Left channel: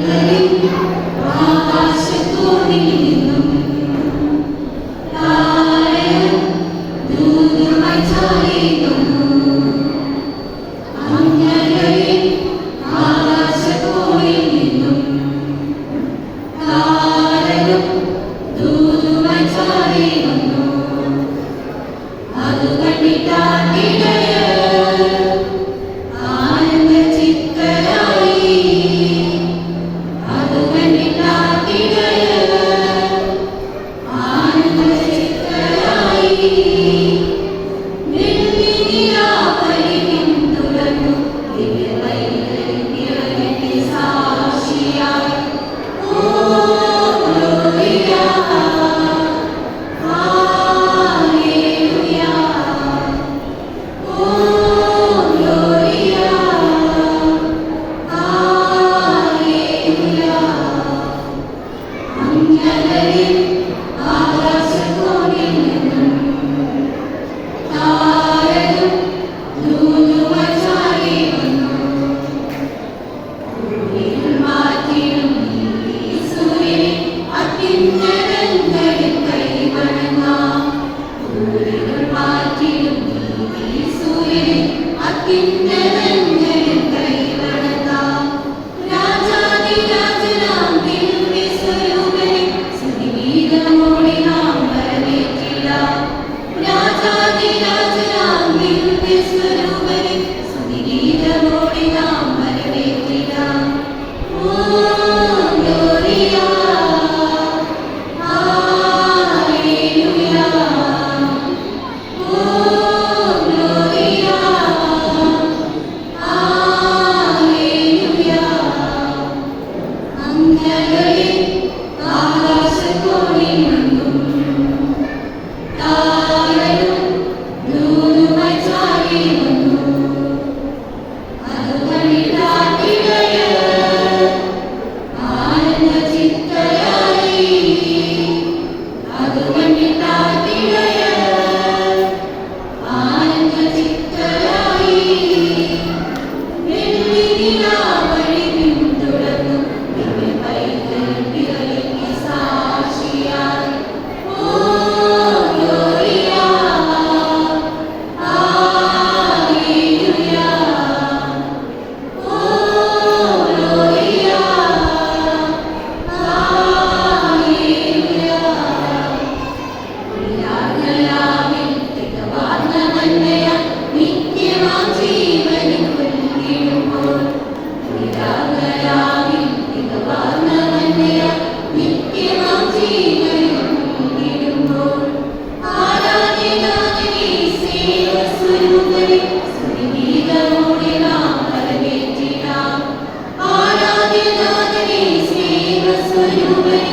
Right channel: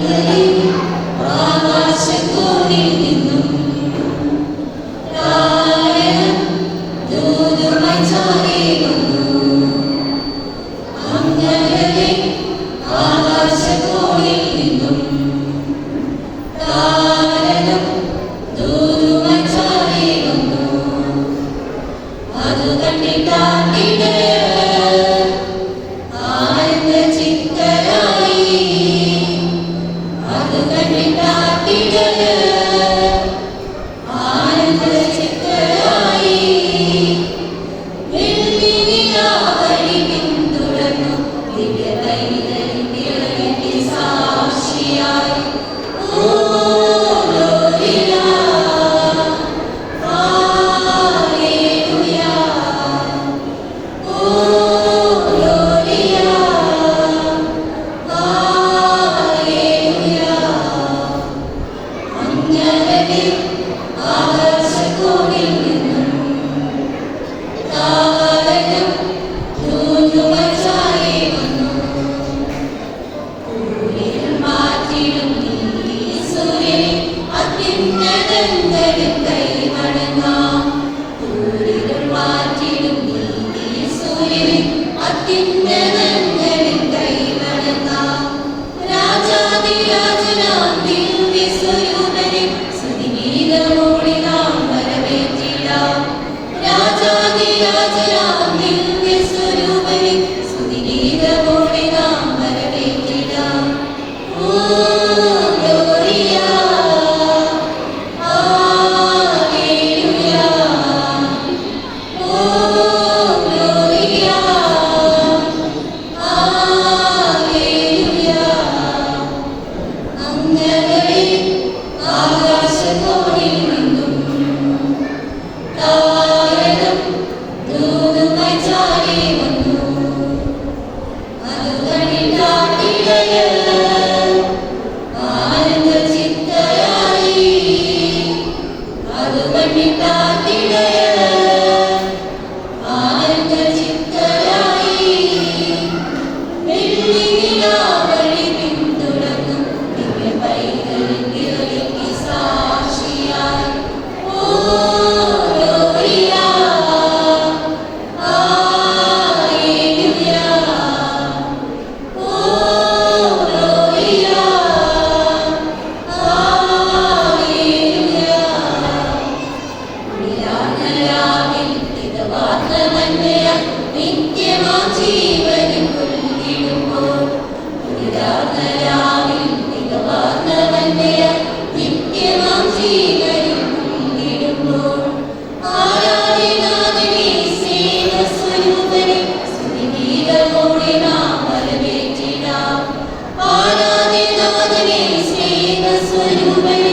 Yeah. Yeah. Hallelujah.